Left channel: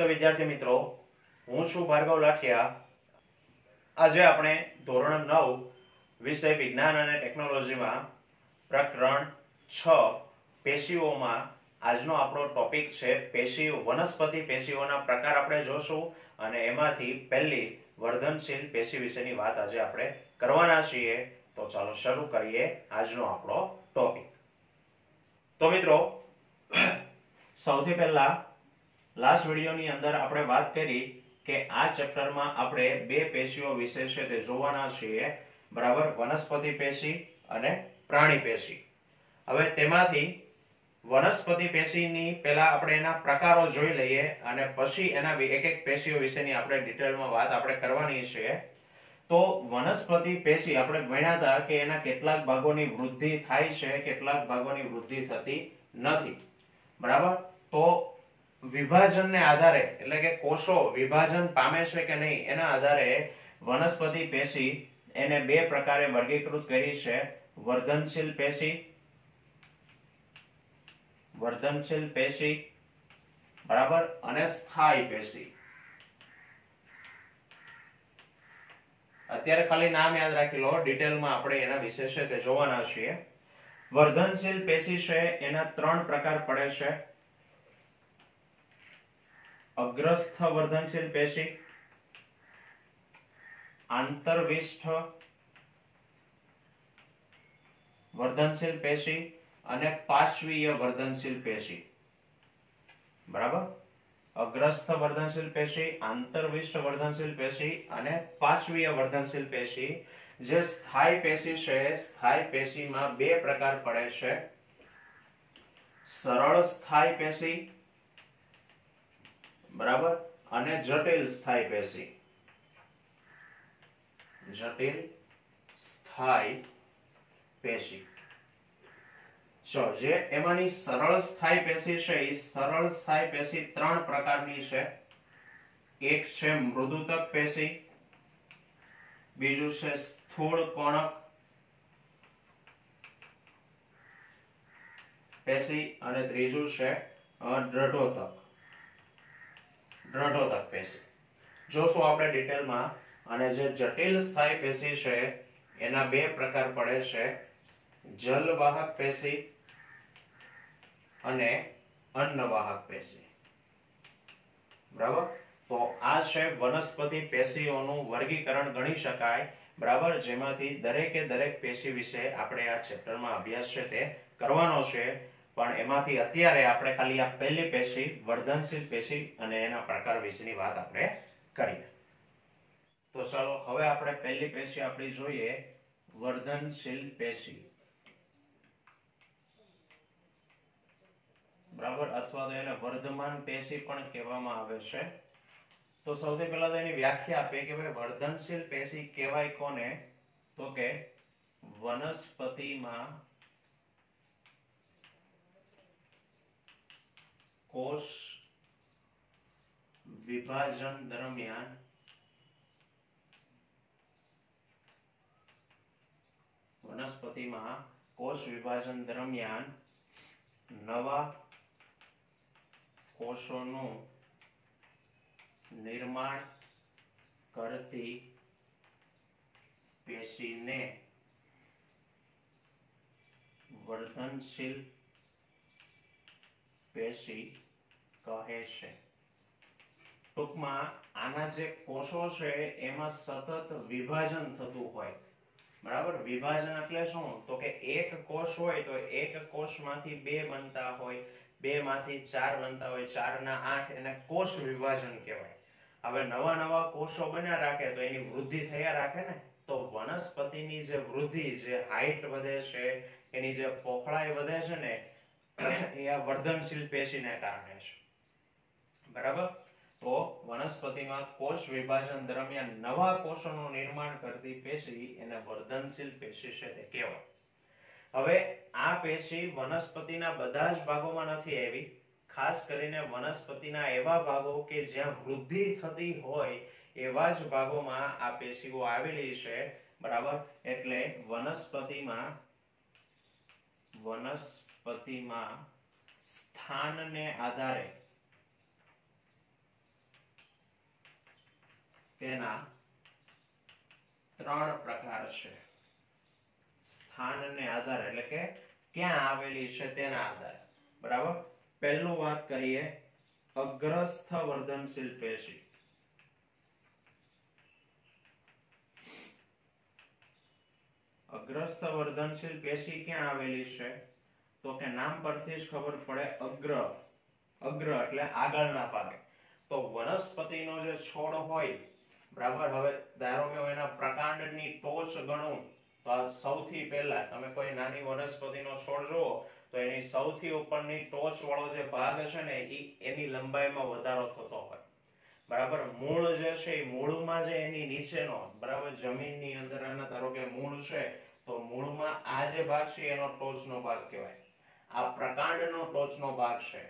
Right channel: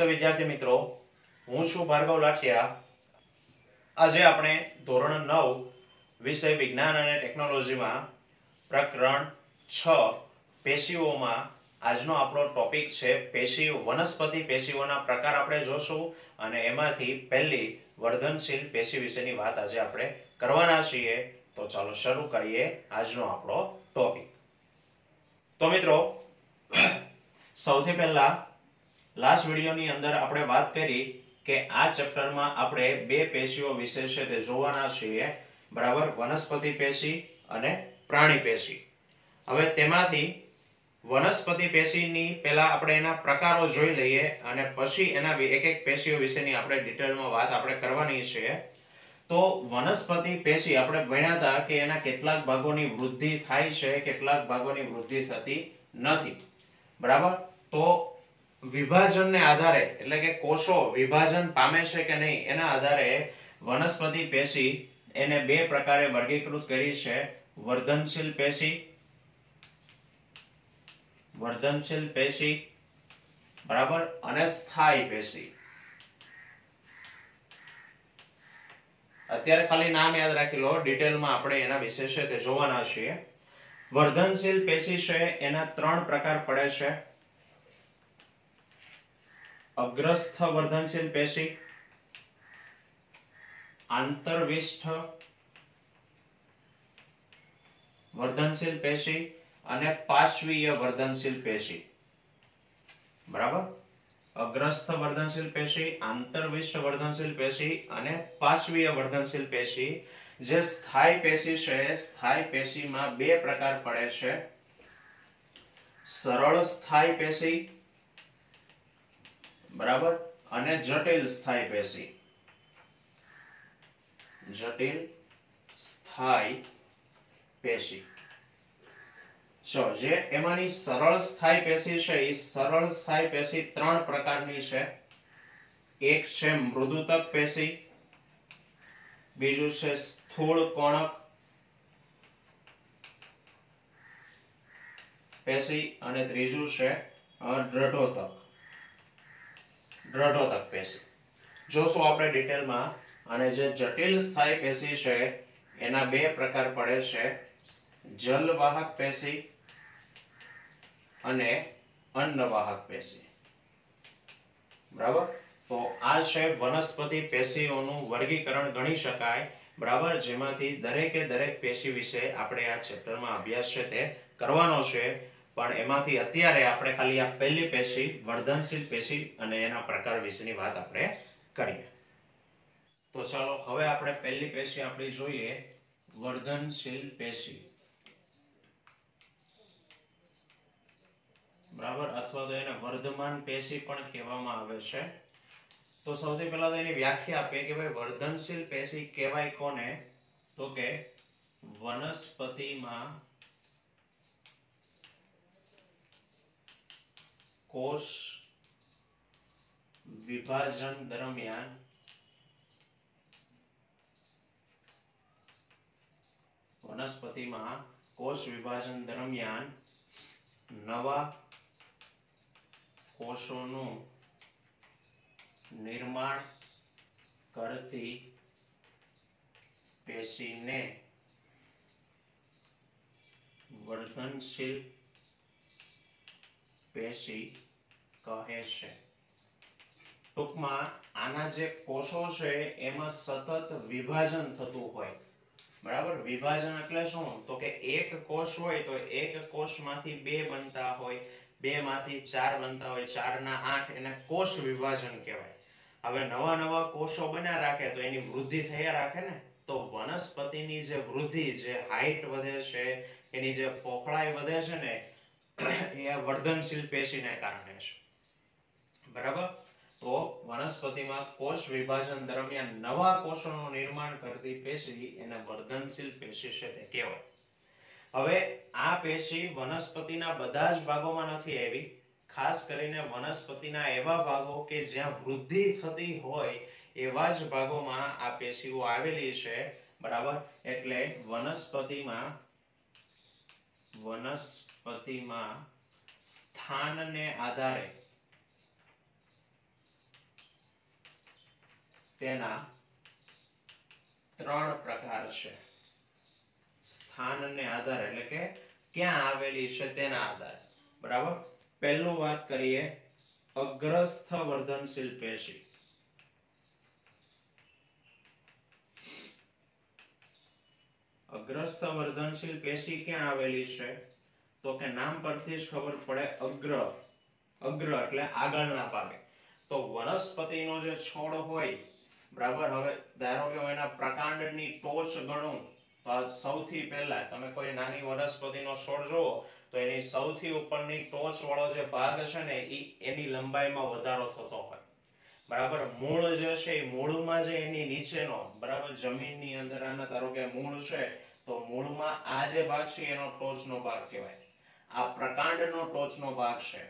नमस्ते विद्यार्थी मित्रों, हूँ छू भार्गव लाठिया। आज આપણે ધોરણ 9 વિષય વિજ્ઞાન અને ટેકનોલોજીમાં પ્રકરણ 6 પેશીઓમાં આજનો આપણો ટોપિક છે પેશીઓ, વનસ્પતિ પેશીઓના પ્રકાર આપણે જોશું અને એમાંથી પહેલી વર્ધનશીલ પેશી વિશેની વાત આજે આપણે કરવાના છીએ। તો ચાલો શરૂ કરીએ આજનો આપણો ટોપિક। તો મિત્રો સૌથી પહેલા लास्ट वीडियोनी अंदर आपणे बात करी के आ चेप्टर में आपणे बे पेशीओ विषय छे ते जोवाना छीए, बराबर। वनस्पति पेशी अने प्राणी पेशी। हवे तेमांथी वनस्पति पेशीनी पहेला आपणे एना प्रकारो जोई लईए अने पछी एना एक एक पेशीओ विशेनी आपणे डिटेल में बात आपणे करवानी छे। तो वनस्पति पेशी आपणे भण्या हता के एना केटलाक भागोनी वृद्धि थाय छे, केटलाक भागोनी वृद्धि थती नथी, बराबर। तो विभाजन ने आधारे એટલે કે કોષો વિભાજન પામે છે કે નહીં એના આધારે વનસ્પતિ પેશી એને બે પ્રકારે વર્ગીકૃત કરી છે, વર્ધનશીલ પેશી બરાબર અને સ્થાયી પેશી। અત્યારે ખાલી નામ યાદ રાખી લો, ડિટેલમાં આપણે એના વિશે છે તે જોવાના છીએ। વર્ધનશીલ પેશી છે એના ત્રણ પ્રકાર પડે છે। अग्रस्थ वर्धनशील पेशी, आंतरविष्ठ वर्धनशील पेशी अने पार्श्वीय वर्धनशील पेशी, बराबर। अग्रस्थ वर्धनशील पेशी, आंतरविष्ठ वर्धनशील पेशी अने पार्श्वीय वर्धनशील पेशी। जे स्थायी पेशी छे, स्थायी पेशी में बे प्रकार पड़े छे, सरल स्थायी पेशी बराबर अने जटिल स्थायी पेशी। जटिल स्थायी पेशी जो जे एमानी सरल स्थायी पेशी छे, ई सरल स्थायी पेशी त्रण प्रकारनी छे। एक छे मृदुतक पेशी, बीजू छे स्थूल कोणक पेशी अने त्रीजू छे दृढ़ोतक पेशी। जोशो आपणे डिटेल में। अने जे जटिल स्थायी पेशी छे एना बे प्रकार पड़े छे, जलवाहक पेशी अने अन्नवाहक पेशी, बराबर। तो आ छे वनस्पति पेशीओनुं वर्गीकरण गणी शकाय, बराबर। जेमांथी दरेके दरेक पेशी विषे आपणे आ चेप्टर में अभ्यास छे ते करवानो छे। पण एमांथी अत्यारे आपणे खाली आ पहेली पेशी वर्धनशील पेशी अने एना प्रकार विशेनी वात आपणे करीए। तो चलो हवे आपणे पहेली पेशी आपणी जोईए, वर्धनशील पेशी, बराबर। अथवा तो एने वर्धमान पेशी पण कहेवामां आवे छे। तो सौथी पहेला तो एनी व्याख्या आपे के भाई वर्धनशील पेशी कहेवाय कोने, तो के वनस्पतिमां कोष विभाजन दरमियान नवा कोषोनुं निर्माण करती पेशीने वर्धनशील पेशी कहे छे। टूंकमां आना जे कोषो छे एमां सतत विभाजन थतुं होय, बराबर। विभाजन એટલે શું? તો કે એક કોષ હોય તો એક કોષમાંથી બે બનતા હોય, બે માંથી ચાર બનતા હોય, ચાર ના આઠ, એને કોષ વિભાજન કહેવાય। હવે નવા નવા કોષો બન્યા રાખે તો એની વૃદ્ધિ થયા રાખે ને। તો વનસ્પતિની જે વૃદ્ધિ, જે હાઈટ વધે છે, એની જે પોખળાઈ વધે છે ને, એ આ વર્ધનશીલ પેશીને કારણે છે, બરાબર। तो वनस्पति में कोष विभाजन दरमियान नवा कोषों निर्माण करती पेशी एने वर्धनशील पेशी छे ते कहेवाय। हवे आ पेशी वनस्पतिना बधा ज भागोमां नथी आवी, खास करीने वनस्पतिना एवा भागो के ज्यां वृद्धि थती होय एवा ज भागोमां आ पेशीओ आवेली छे, बराबर। एटले वनस्पतिमां स्थानने आधारे તેના 3 પ્રકાર છે સ્થાનને આધારે, એટલે કે ક્યાં આવેલી છે તેના આધારે, બરાબર. પહેલું વાત કરીએ અગ્રસ્થ વર્ધનશીલ પેશી. અગ્રસ્થ વર્ધનશીલ પેશી ક્યાં આવેલી છે? તો કે નામ પરથી જ ખબર પડે, અગ્ર એટલે આગળના ભાગે. તો વનસ્પતિનો જે છોડ હોય, બરાબર, હવે ધારો કે એના પ્રકાંડની ટોચ ગણું તો સૌથી પહેલા તમે કોઈ નાની વનસ્પતિનો છોડ જુઓ તો એની સૌથી ઉપરની ટોચ વાળો જે ભાગ છે ને એની લંબાઈમાં વધારો થતો હોય, બરાબર. મૂળ જે છે એ મૂળમાં જે એની નીચેનો, બરાબર, જમીનની અંદર આના ધારો કે મૂળ છે તો મૂળમાં આ જે ભાગ છે એનો ટોચનો ભાગ કહેવાય. આ પ્રકાંડનો ટોચનો ભાગ છે.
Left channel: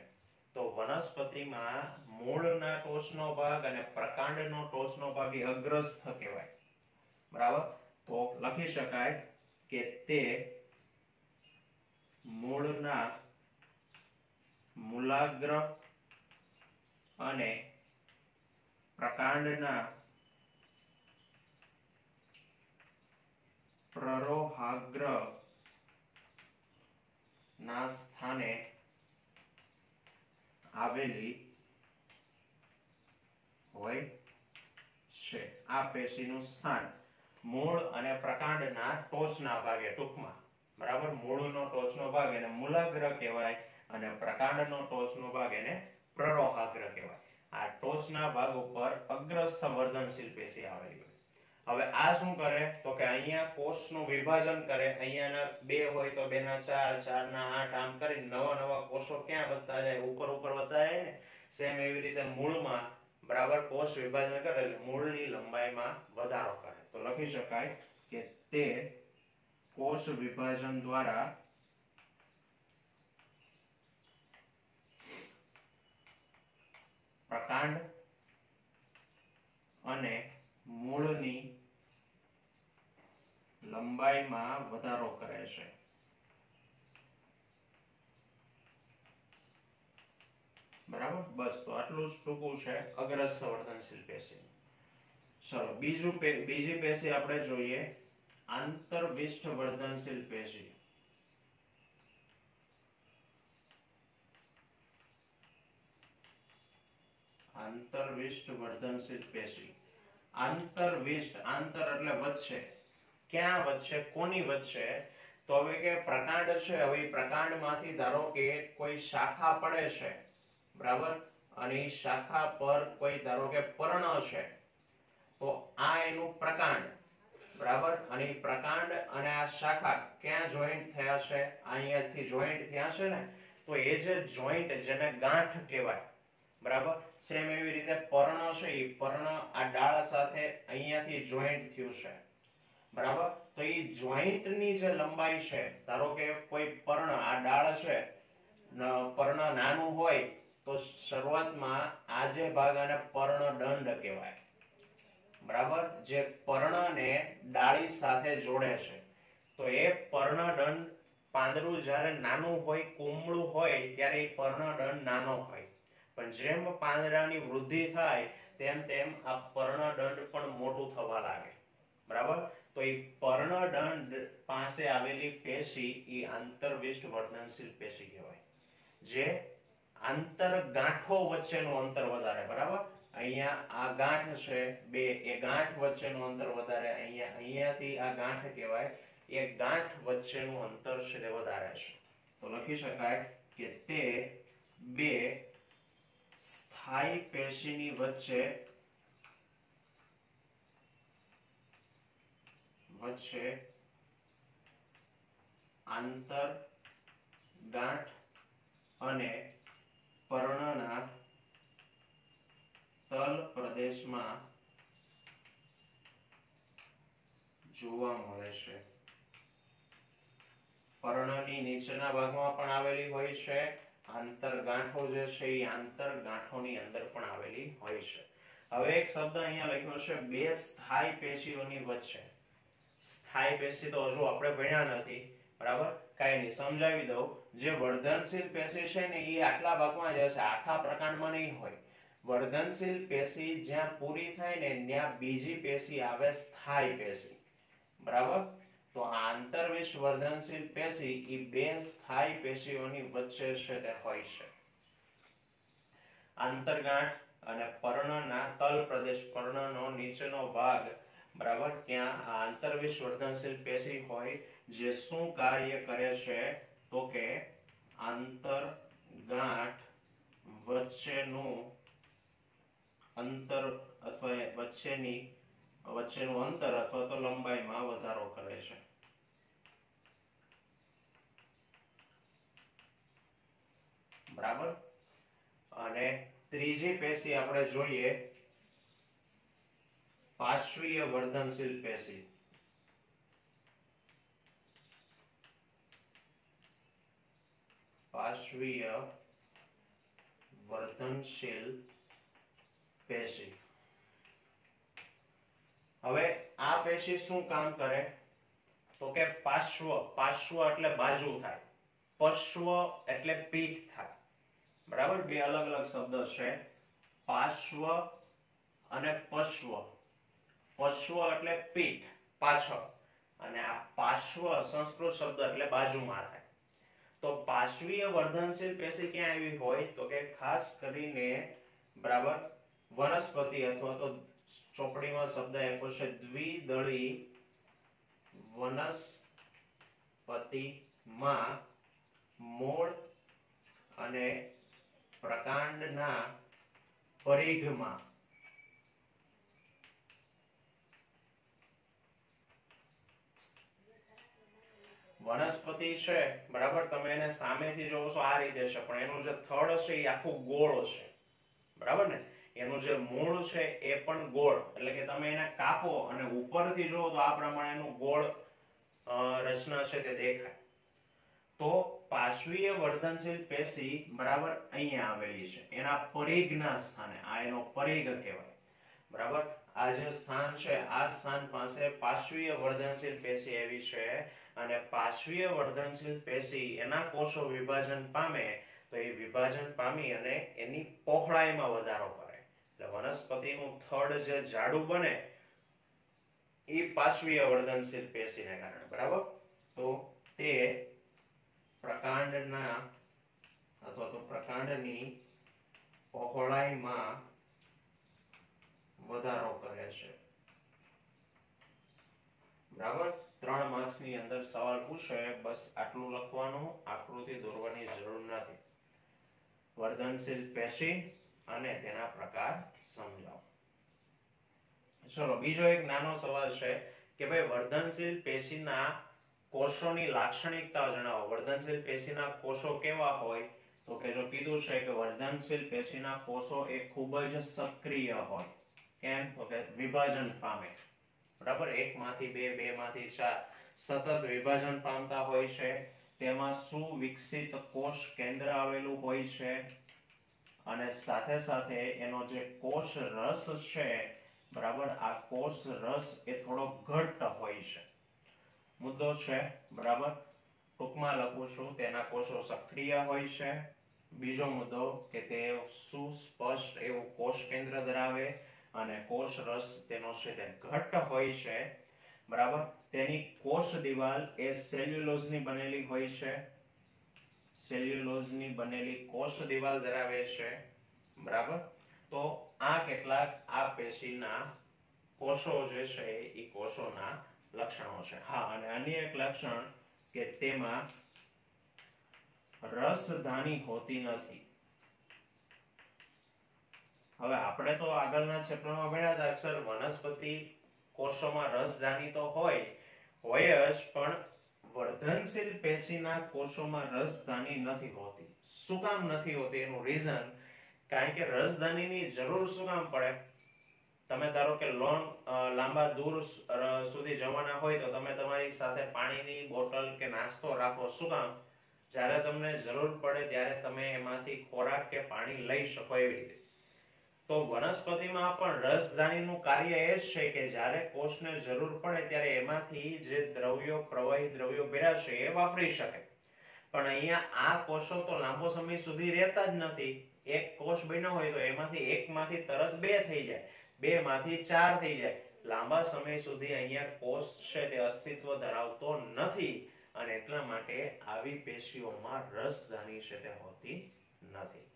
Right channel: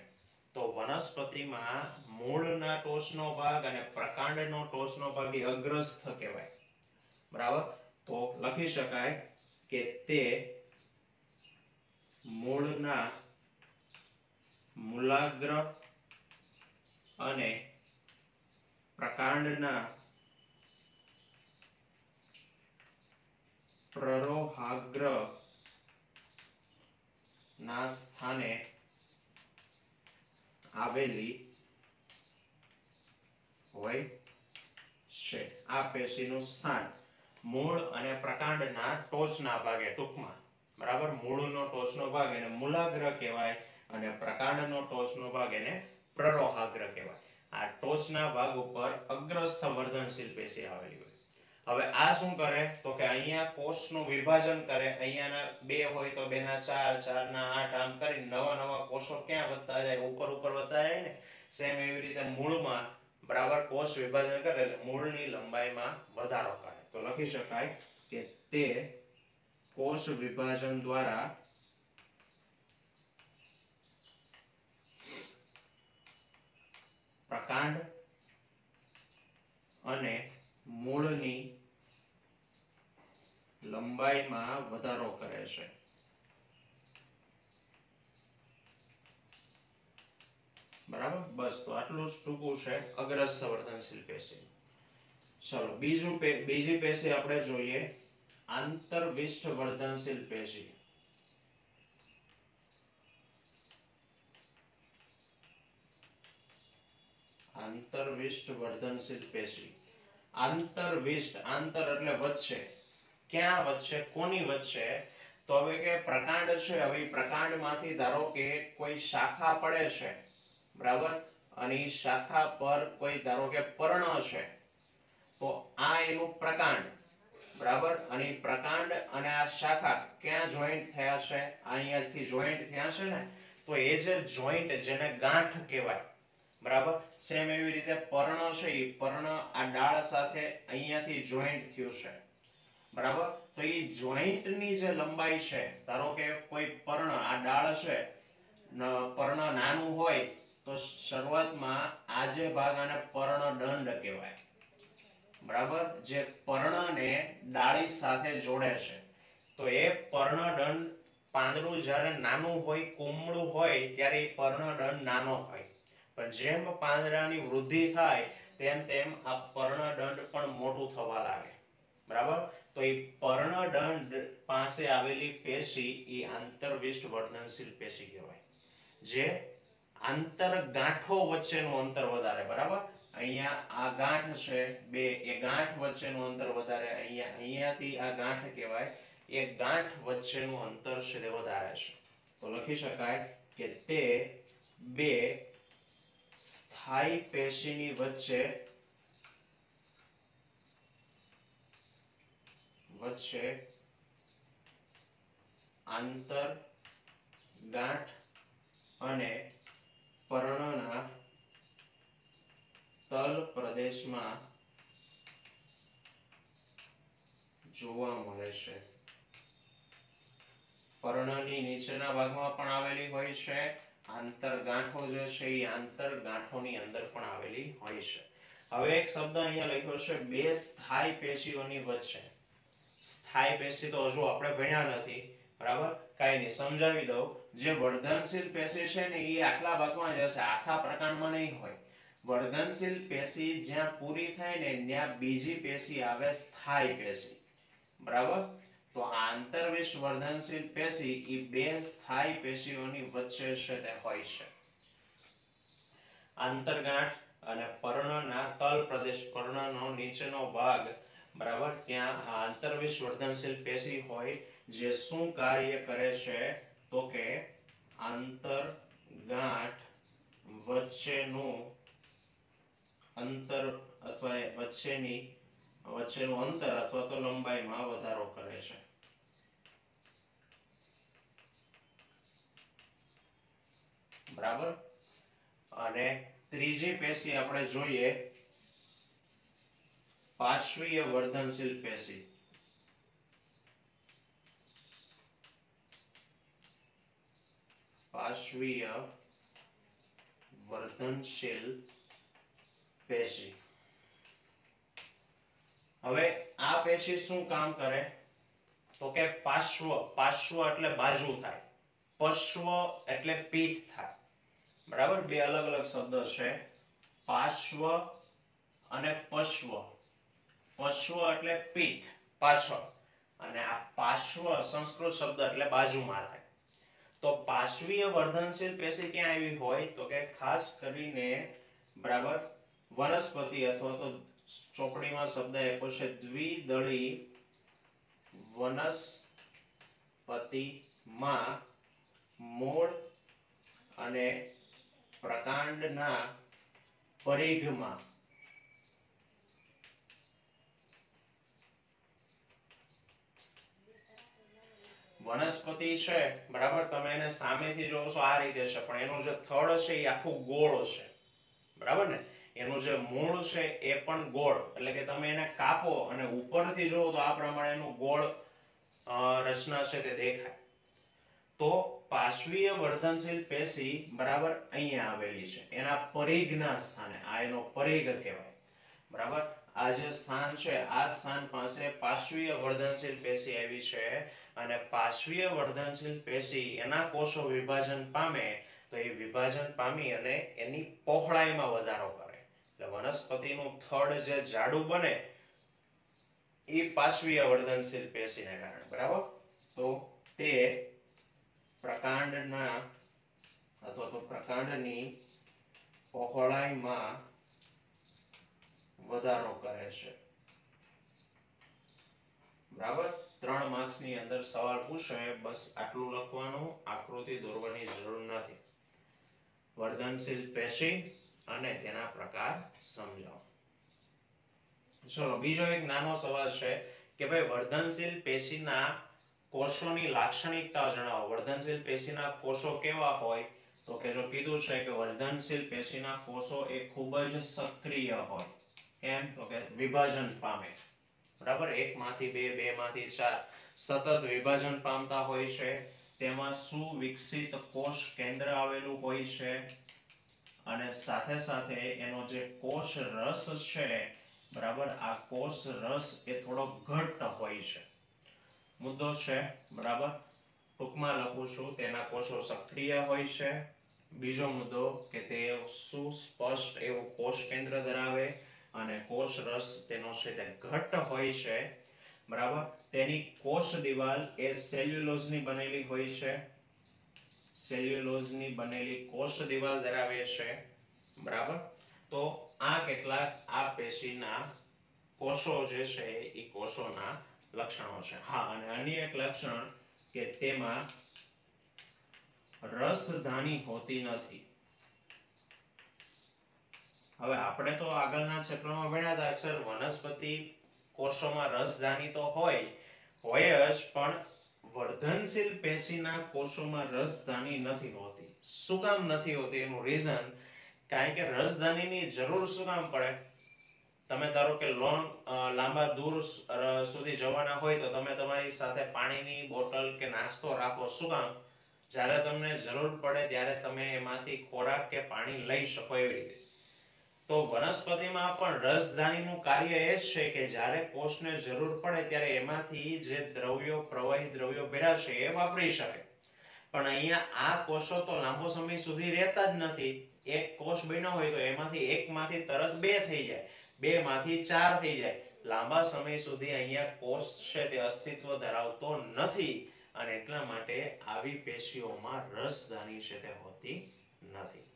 તો વનસ્પતિમાં મૂળના ટોચનો ભાગ અને પ્રકાંડનો ટોચનો ભાગ એ અગ્રસ્થ કહેવાય, બરાબર. તો લખી શકાય કે તે મૂળના મૂલાગ્ર અને પ્રકાંડના પ્રરોહાગ્ર ના સ્થાને આવેલી હોય છે. આ પેશીનું સ્થાન મૂળ અને પ્રકાંડના ટોચના ભાગે, ટૂંકમાં, બરાબર. મૂળનો ટોચનો ભાગ એને મૂલાગ્ર કહેવાય અને પ્રકાંડનો ટોચનો ભાગ એને પ્રરોહાગ્ર કહેવાય. આ ટોચના ભાગ ઉપર અગ્રસ્થ વર્ધનશીલ પેશી આવેલી હોય. હવે આ શું કરે તો કે અહીંયા કોષનું વિભાજન કરે. અહીંયાના 2 હોય તો 2 ના 4, 4 ના 8, આમ કરી નવા કોષો ક્યાં વધતા જાય? ઉપર વધતા જાય ને. સેમ એવી રીતે મૂળમાં, બરાબર, કોષ વિભાજન કરે એટલે મૂળની લંબાઈમાં વધારો કરે. તો લખી શકાય કે તે કોષ વિભાજન દ્વારા પ્રકાંડ અને મૂળની લંબાઈમાં વધારો કરે છે. બરાબર. બસ, તો આટલું જ ટૂંકું છે અગ્રસ્થ વર્ધનશીલ પેશી. ચલો બીજી પેશી આપણે જોઈએ આંતરવિષ્ઠ વર્ધનશીલ પેશી. આંતરવિષ્ઠ વર્ધનશીલ પેશી. આંતરવિષ્ઠ, આંતર એટલે વચ્ચે. ક્યાં વચ્ચે? કોની વચ્ચે? તો હવે કે પ્રકાંડ છે, હવે પ્રકાંડમાંથી ધારો કે કોઈ શાખા પડે છે, બરાબર, અને એ શાખા પર કોઈ ધારો કે પર્ણ છે, તો આ એનું પ્રકાંડ, બરાબર. અને પ્રકાંડ અને આ શાખા ક્યાં જોઈન્ટ થયા છે? અહીંયાથી જોઈન્ટ થયા છે ને. તો એ જે જોઈન્ટ, જેને ગાંઠ કહેવાય, બરાબર. સેમ એવી રીતે પર્ણ છે, એ પર્ણ આ ડાળ સાથે અહીંયાથી જોઈન્ટ થયું છે, બરાબર. તો એ જોઈન્ટની જે લંબાઈ છે, ધારો કે કોઈ પર્ણ, આ ડાળ છે, પર્ણ નાનું હોય તો શરૂઆતમાં આ જે ભાગ આને પર્ણદંડ કહેવાય, બરાબર. જે પર્ણને ડાળી સાથે જોડે છે. તો એ પર્ણદંડ, પાંદડું જ્યારે નાનું હોય, કુમળું હોય ત્યારે એ પર્ણદંડ નાનો હોય, પણ જેમ પાંદડાની વૃદ્ધિ થાય તેમ તેમ આ પર્ણદંડ પણ મોટું થવા લાગે, બરાબર. તો એ પર્ણદંડ પાસે આવેલી પેશી એ આંતરવિષ્ઠ વર્ધનશીલ પેશી કહેવાય. જે આંતર ગાંઠો વચ્ચેનું અંતર વધારે, બરાબર. અહીંયા આ ગાંઠ છે 2, એ ગાંઠ વચ્ચેનું અંતર વધારે. અહીંયાથી આ ગાંઠ કહેવાય, એ ગાંઠ વચ્ચેનું અંતર છે તે વધારે છે. તો લખી શકાય કે તે 2 સ્થાયી પેશીની વચ્ચે આંતર ગાંઠ અને પર્ણના તલ પ્રદેશમાં જોવા મળે છે. પર્ણની નીચેના ભાગમાં પણ આવેલી હોય છે. આંતરગાંઠો જે છે એ આંતરગાંઠોની અંદર પણ આવેલી હોય છે. હવે એક શબ્દ અહીંયા લખ્યો છે 2 સ્થાયી પેશીઓની વચ્ચે. સ્થાયી પેશી તો હજુ આપણે ભણ્યા નથી, બરાબર. કાઈ નહીં, સમજાવી દઉં. જે વર્ધનશીલ પેશી છે ને એ આટલા ભાગમાં જ હશે, આખા પ્રકાંડમાં નહીં હોય. વર્ધનશીલ પેશી જ્યાં પૂરી થાય ને ત્યાં બીજી પેશી આવે સ્થાયી પેશી, બરાબર? તો આ આંતરવિષ વર્ધનશીલ પેશી એ બે સ્થાયી પેશીઓની વચ્ચે છે તે હોય છે. આંતરગાંઠ અને પર્ણના તલ પ્રદેશ, પર્ણનો નીચેનો ભાગ, બરાબર, ત્યાં આંતરવિષ વર્ધનશીલ પેશી હોય જે શું કાર્ય કરે છે તો કે આંતરગાંઠ વચ્ચેનું અંતર અથવા વચ્ચેનું અંતર અથવા તો લંબાઈમાં વધારો કરે છે. બરાબર. અને ત્રીજી પેશી આપણે જોઈએ પાર્શ્વીય વર્ધનશીલ પેશી. પાર્શ્વીય વર્ધનશીલ પેશી. હવે આ પેશી શું કામ કરે તો કે પાર્શ્વ એટલે બાજુ થાય, પશ્વ એટલે પીઠ થાય, બરાબર? બે અલગ અલગ શબ્દ છે, પાર્શ્વ અને પશ્વ. પશ્વ એટલે પીઠ, પાછળ, અને આ પાર્શ્વ સંસ્કૃત શબ્દ એટલે બાજુમાં થાય. તો પાર્શ્વીય વર્ધનશીલ પેશી ક્યાં આવી હોય તો કે ખાસ કરીને, બરાબર, વનસ્પતિ અથવા તો ચોપડીમાં શબ્દ આપ્યો છે દ્વિદળી વનસ્પતિમાં મૂળ અને પ્રકાંડના પરિઘમાં. વનસ્પતિ છે, બરાબર, તમે એને સામેથી જોવો છો આ રીતે છે, પણ એનું જે થડ છે એ આખું ગોળ છે, બરાબર ને? એનું જે મૂળ છે એ પણ ગોળ, એટલે કે તમે એને કાપો અને ઉપરથી જોવો તો આ પ્રમાણેનું ગોળ રચના છે તે દેખાય. તો પાર્શ્વીય વર્ધનશીલ પેશી, બરાબર, અહીંયા આવેલી છે એના પરિઘના સ્થાને. આ એનો પરિઘ કહેવાય, બરાબર? આ જે સ્થાન છે આ સ્થાન પાસે પાર્શ્વીય વર્ધનશીલ પેશી આવી છે. અને પાર્શ્વીય વર્ધનશીલ પેશી એના કોષો વિભાજન પામે તો એ વિભાજન પામી અને એની પહોળાઈમાં વધારો કરે. એટલે વનસ્પતિનું થડ જે જાડું બને એ પાર્શ્વીય વર્ધનશીલ પેશીને કારણે, બરાબર? તો તે પ્રકાંડના અથવા તો પ્રકાંડની પહોળાઈમાં વધારો કરે છે, બરાબર? 3 માર્ક્સની અંદર સવાલ પૂછે, બસ આટલું લખવાનું, આકૃતિ દોરવાની જરૂર નથી. વર્ધનશીલ પેશી અને તેના પ્રકાર સમજાવો. ચલો બીજો એક નાનો સવાલ છે કે ભાઈ વર્ધનશીલ પેશીના કોષોની લાક્ષણિકતા જણાવો. વર્ધનશીલ પેશીના કોષો કેવા હોય તો કે જો કીધું છે કે વર્ધનશીલ પેશીના કોષો એ ખૂબ જ સક્રિય હોય. કેમ તો કે વિભાજન પામે, બરાબર? એકમાંથી બે, બેમાંથી ચાર, સતત વિભાજન પામતા હોય છે. તેમાં સુવિકસિત કોષ કેન્દ્ર આવેલું હોય છે અને સાથે સાથે એનો જે કોષ રસ છે, બરાબર, આ કોષ રસ એ થોડો ઘટ્ટ હોય છે. મુદ્દો છે, બરાબર, ટૂંકમાં લખું છું, તેના કોષો સક્રિય હોય છે. બીજો મુદ્દો કે તે સુસ્પષ્ટ એવું કોષ કેન્દ્ર ધરાવે અને કોષ રસ તેનો છે તે ઘટ્ટ હોય છે, બરાબર? તેની કોષ દિવાલ એ સેલ્યુલોઝની બનેલી હોય છે. સેલ્યુલોઝની બનેલી કોષ દિવાલ ધરાવે છે, બરાબર? તો આ કેટલાક આ પેશીના કોષો જે છે એ કોષોના લક્ષણો છે. હા, અને અન્ય એક લક્ષણ કે તેમાં રસધાની હોતી નથી. હવે આપણે તો આગળના ચેપ્ટરમાં ભણ્યા હતા અક્ષર વનસ્પતિ કોષોમાં રસધાની તો હોય જ, પણ વર્ધનશીલ પેશીના કોષોમાં રસધાની નથી હોતી. શું કામ નથી હોતી એનું રીઝન, કારણ કે રસધાનીની જરૂર શું કામ પડે? તમે ધારો કે લાંબા દૂર સુધી જવાના હોય તો તમે તમારી સાથે પાણીની બોટલ કે નાસ્તો રાખો. શું કામ? જ્યારે તમને જરૂર પડે ત્યારે તમે એમાંથી ખોરાક કે પાણી લઈ શકો એવી રીતે. તો વનસ્પતિમાં પણ રસધાનીનું કાર્ય એ જ છે કે જ્યારે કોષને જરૂર પડે ત્યારે એમાંથી જે દ્રવ્યો, પ્રવાહી દ્રવ્યો ભેળા છે એ વાપરી શકે. પણ અહીંયા આ કોષો તો લાંબો સમય સુધી રહેતા જ નથી. એક કોષ બન્યો હોય તો એમાંથી એકમાંથી તરત બે થઈ જાય, બે માંથી ચાર થઈ જાય. લાંબા સમય સુધી અહીંયા કોષ છે તે અસ્તિત્વ ધરાવતો નથી અને એટલા માટે આવી પેશીઓમાં રસધાની છે તે હોતી નથી.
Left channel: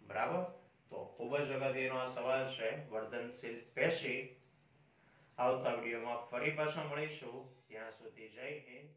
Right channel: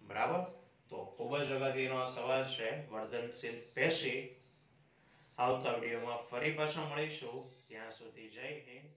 બરાબર. તો ખૂબ જ અગત્યનો આ સવાલ છે, વર્ધનશીલ પેશી. આવતા વિડીયોમાં ફરી પાછા મળીશું. ત્યાં સુધી જય હિન્દ.